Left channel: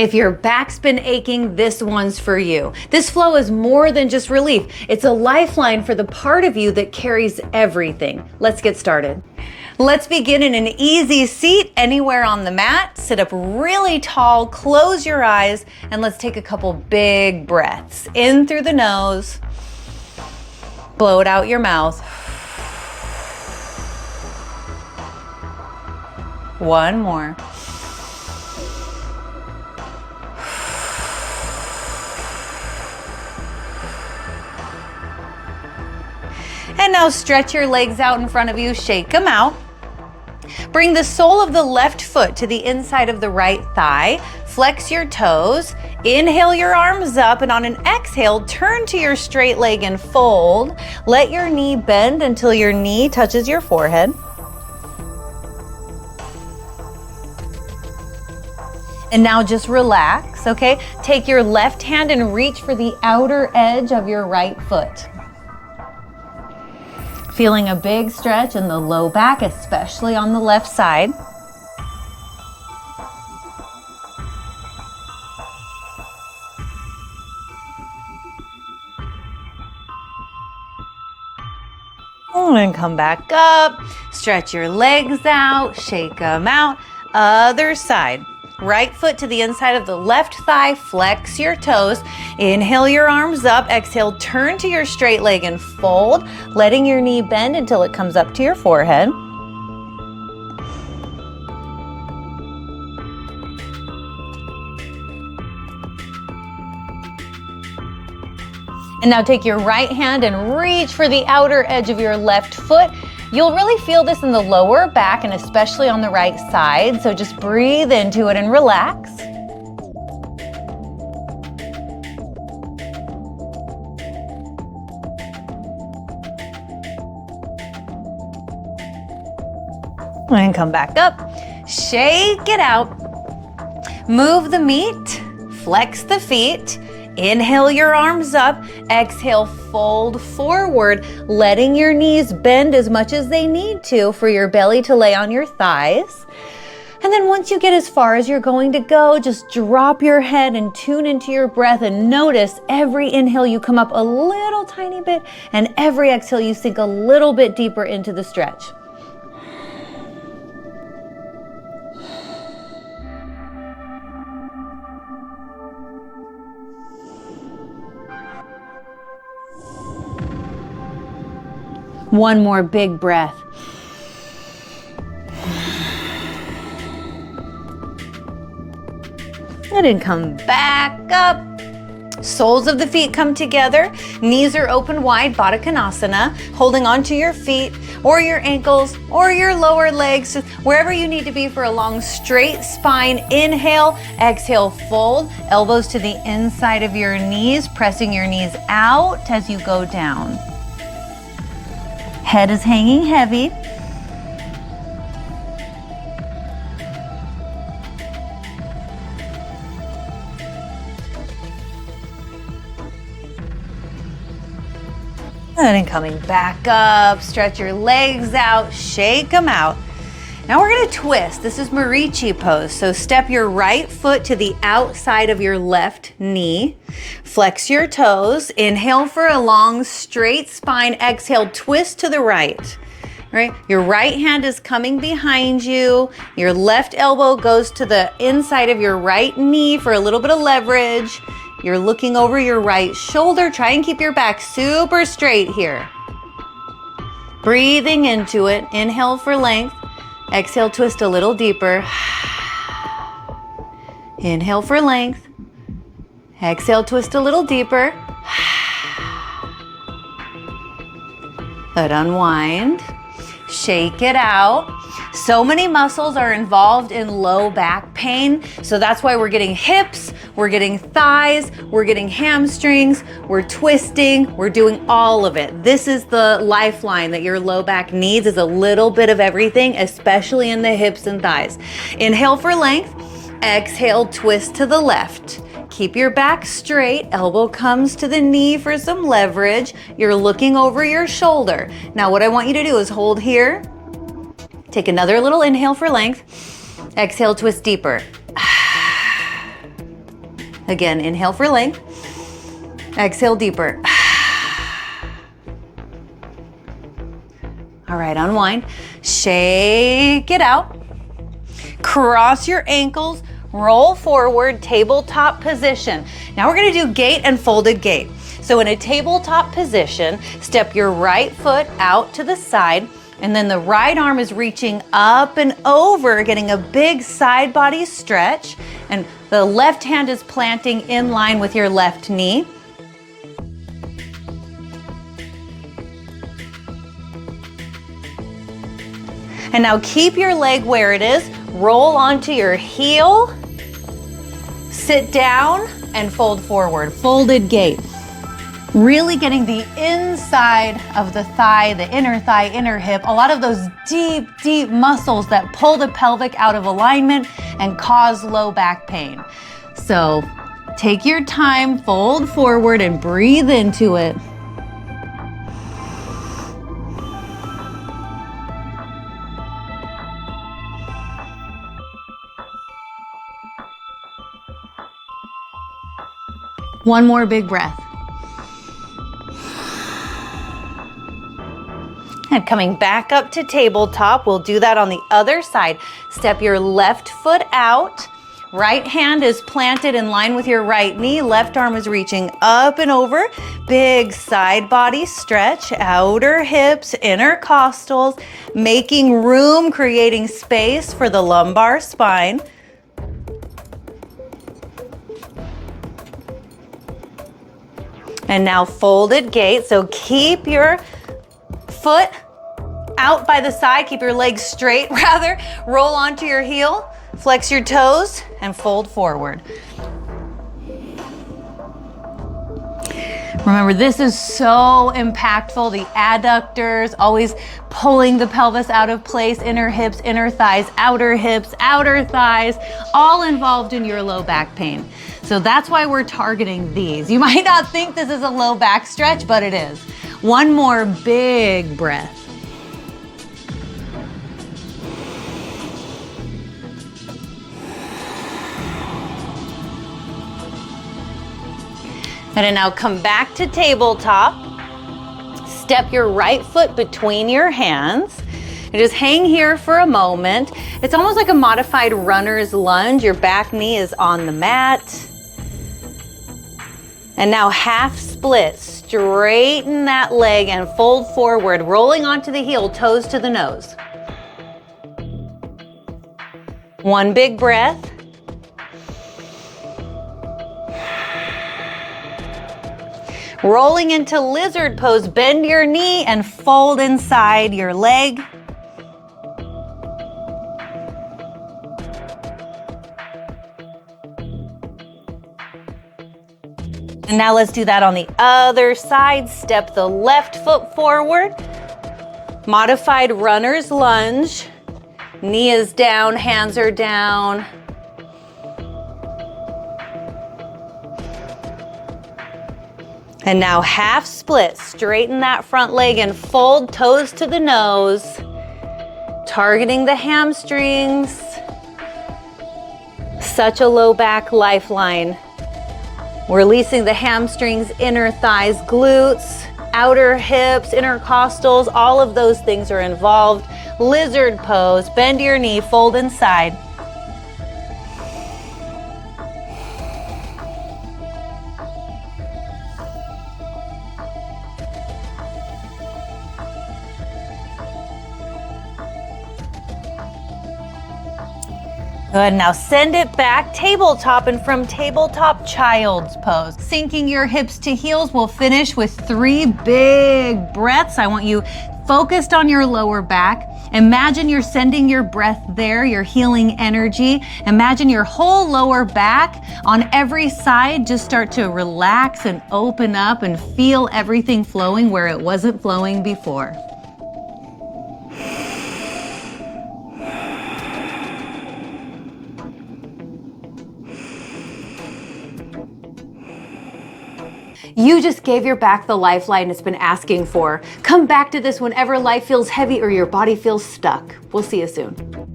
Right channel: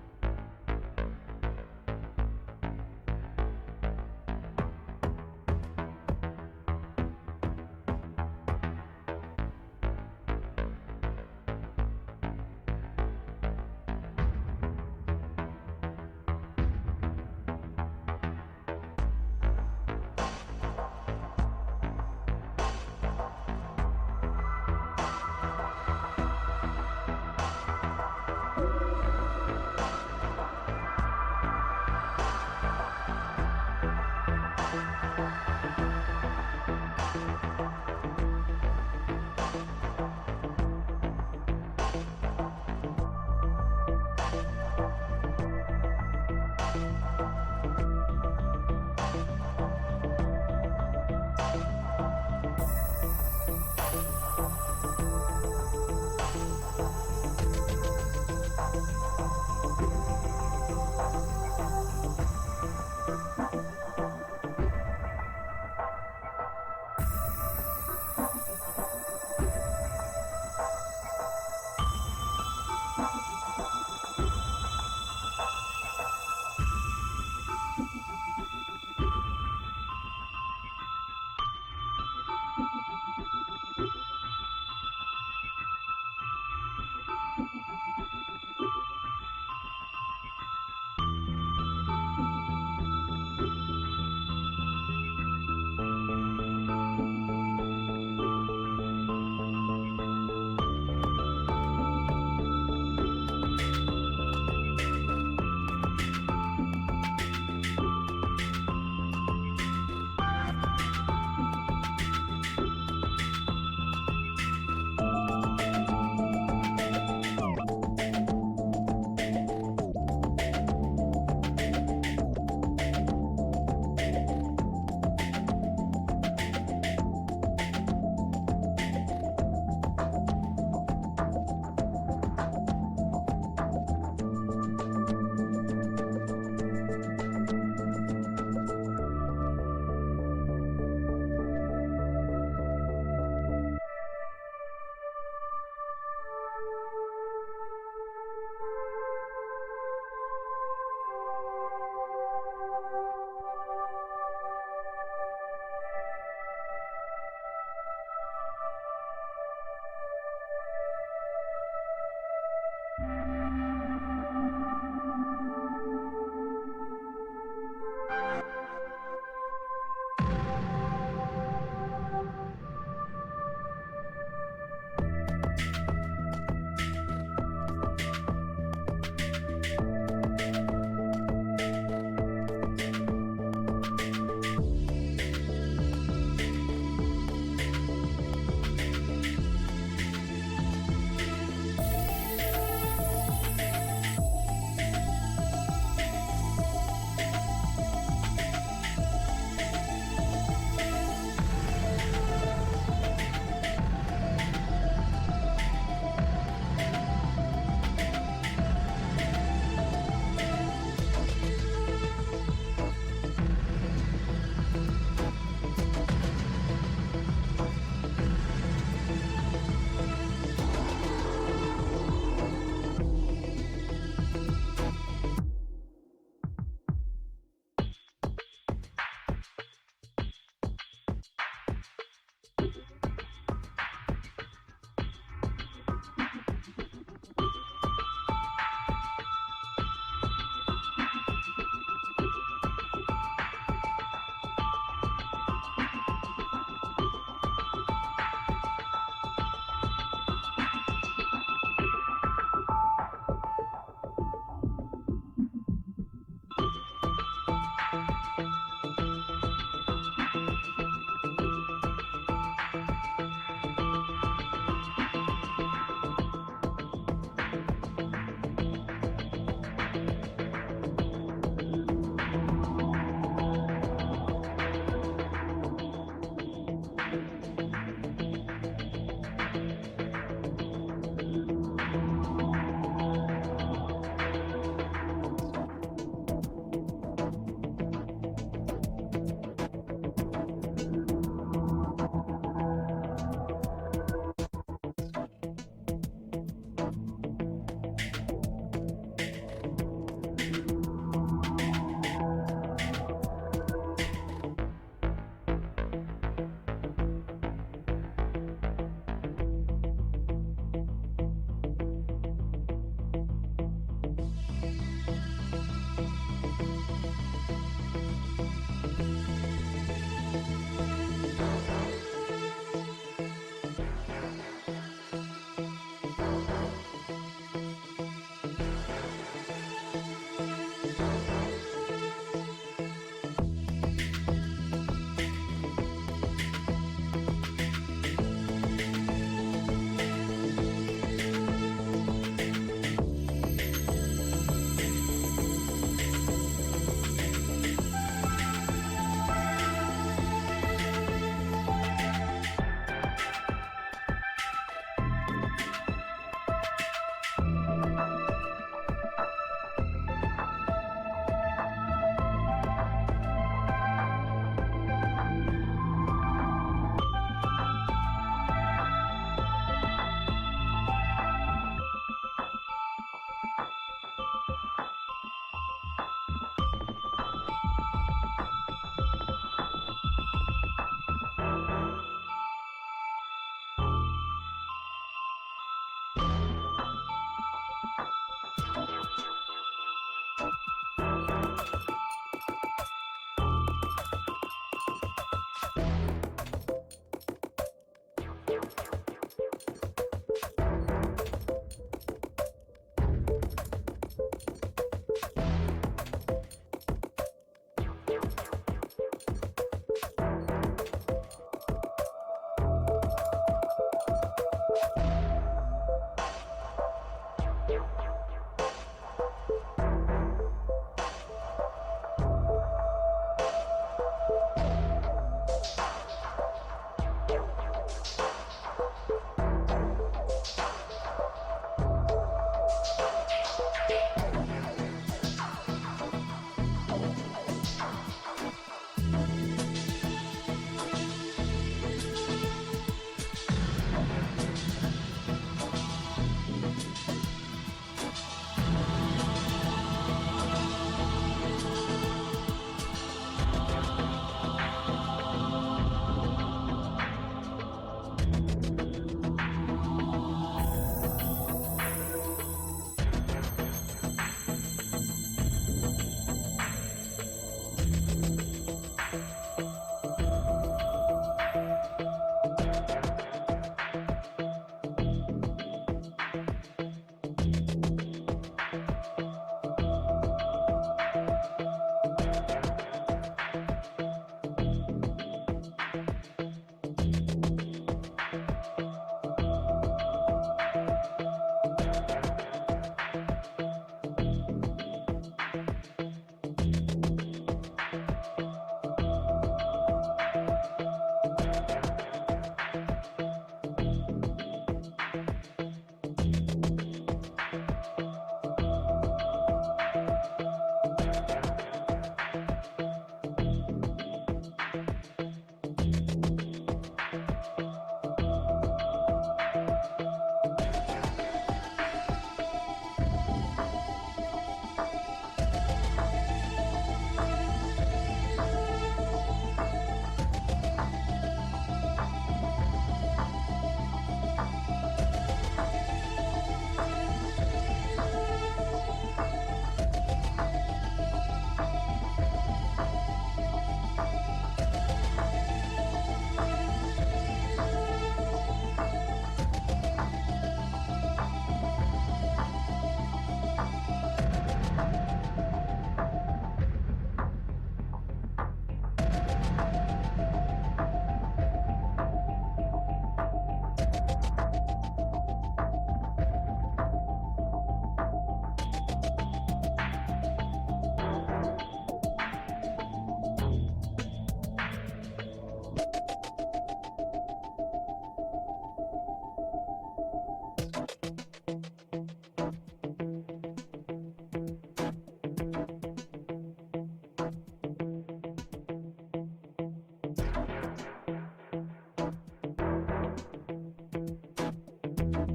If your back's been aching, this one's for you. This flow is more than just relief. It's a lifeline for the part of you that carries everything. Let's get started. Let's begin in an easy seat anywhere on the mat. Sit up really tall, close your eyes, and let's take a couple big breaths. In through the nose, blow it out your mouth. One more. And now stretch your legs out in front of you, shake them out. Bring the sole of the left foot to the inside of the right thigh. Flex your toes. Inhale your arms up, and on an exhale, turn to your straight leg and fold. Let your knee bend until your knee touches your forehead. And now just relax, okay? Take your left hand and reach for the outer edge of your right foot. Feeling a big stretch in the low back, especially on the left side. And come back up, stretch your legs out, shake them out. Other side. Right foot to the inside of the left thigh, flex your toes. Inhale your arms up, exhale, turn to your straight leg and fold, letting your knee bend until it comes up to your forehead. And now take your right hand and reach for the outer edge of your left foot. You'll really feel this in the lower back and especially on the right side, so just breathe into it and relax. And come back up, shake it out. Move the meat, flex the feet. Inhale your arms up, exhale, fold forward, letting your knees bend as much as they need to for your belly to lay on your thighs. And then once you get as far as you're going to go, just drop your head and tune into your breath and notice every inhale you come up a little tiny bit and every exhale you sink a little bit deeper into the stretch. One more big breath. And then come back up. Soles of the feet come together. Knees are open wide, Baddha Konasana. Holding onto your feet or your ankles or your lower legs, wherever you need to be for a long straight spine. Inhale, exhale, fold. Elbows to the inside of your knees, pressing your knees out as you go down. Head is hanging heavy. And then coming back up, stretch your legs out, shake them out. Now we're gonna twist. This is Marichi pose. So step your right foot to the outside of your left knee. Flex your toes. Inhale for a long straight spine. Exhale, twist to the right. Right? Your right hand is coming behind you. Your left elbow goes to the inside of your right knee for a little bit of leverage. You're looking over your right shoulder. Try and keep your back super straight here. Breathing into it. Inhale for length. Exhale, twist a little deeper. Inhale for length. Exhale, twist a little deeper. Let unwind. Shake it out. So many muscles are involved in low back pain, so that's why we're getting hips, we're getting thighs, we're getting hamstrings, we're twisting, we're doing all of it. This is the lifeline that your low back needs, is a little bit of everything, especially in the hips and thighs. Inhale for length, exhale, twist to the left. Keep your back straight, elbow comes to the knee for some leverage. You're looking over your shoulder. Now what I want you to do is hold here. Take another little inhale for length. Exhale, twist deeper. Again, inhale for length. Exhale deeper. All right, unwind. Shake it out. Cross your ankles, roll forward, tabletop position. Now we're gonna do gate and folded gate. So in a tabletop position, step your right foot out to the side, and then the right arm is reaching up and over, getting a big side body stretch, and the left hand is planting in line with your left knee. And now keep your leg where it is, roll onto your heel, sit down, and fold forward, folded gate. Really getting the inside of the thigh, the inner hip, a lot of those deep, deep muscles that pull the pelvic out of alignment and cause low back pain. So take your time, fold forward, and breathe into it. One more big breath. And coming back up to tabletop, we'll do that on the other side. Step your left foot out. Right hand is planted in line with your right knee. Left arm is reaching up and over. Big side body stretch, outer hips, intercostals, making room, creating space for the lumbar spine. And now folded gate, so keep your foot out by the side, keep your legs straight rather, roll onto your heel, flex your toes, and fold forward. Remember, this is so impactful. The adductors, always pulling the pelvis out of place, inner hips, inner thighs, outer hips, outer thighs, all involved in your low back pain. So that's why we're targeting these. You might not think this is a low back stretch, but it is. One more big breath. And then now come back to tabletop. Step your right foot between your hands. And just hang here for a moment. It's almost like a modified runner's lunge. Your back knee is on the mat. And now half split. Straighten that leg and fold forward, rolling onto the heel, toes to the nose. One big breath. Rolling into lizard pose, bend your knee and fold inside your leg. And now let's do that on the other side. Step the left foot forward. Modified runner's lunge. Knee is down, hands are down. And now half split, straighten that front leg and fold toes to the nose, targeting the hamstrings. Such a low back lifeline. Releasing the hamstrings, inner thighs, glutes, outer hips, intercostals, all of those things are involved. Lizard pose, bend your knee, fold inside. Good, now send it back, tabletop, and from tabletop, child's pose. Sinking your hips to heels, we'll finish with 3 big breaths. I want you focused on your lower back. Imagine you're sending your breath there, your healing energy. Imagine your whole lower back on every side. Just start to relax and open up and feel everything flowing where it wasn't flowing before. You just gave your back the lifeline it's been asking for. Come back to this whenever life feels heavy or your body feels stuck. We'll see you soon.